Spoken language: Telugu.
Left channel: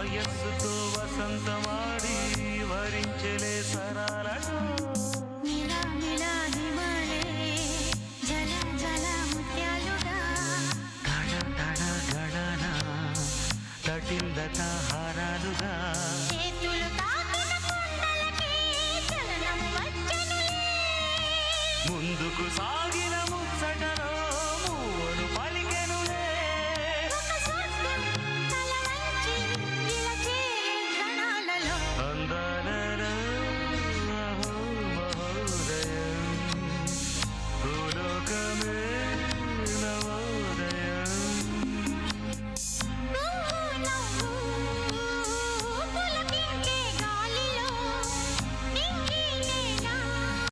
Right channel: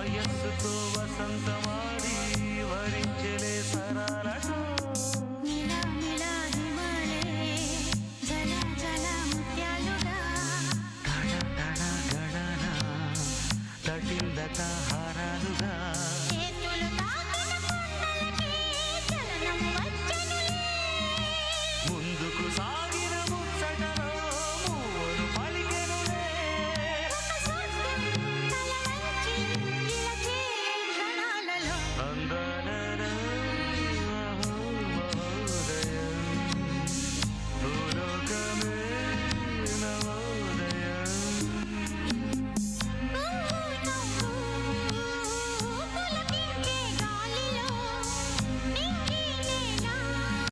వయస్సుతో వసంతమాడి వరించెలే సరాలతో మిలా మిలా హిమాలే జల జల ముత్యాలుగా తళ తళ గళన తటిల్లత హారాలుగా చేతులు తాకిన కొండలకి చలనం వచ్చనులే ముందుకు సాగిన ముచ్చటలో మూవను పలికెనులే ఒక స్వర్గం తల వంచి ఇలా చేరే క్షణాలలో అందాలలో అహో మహోదయం భూలోకమే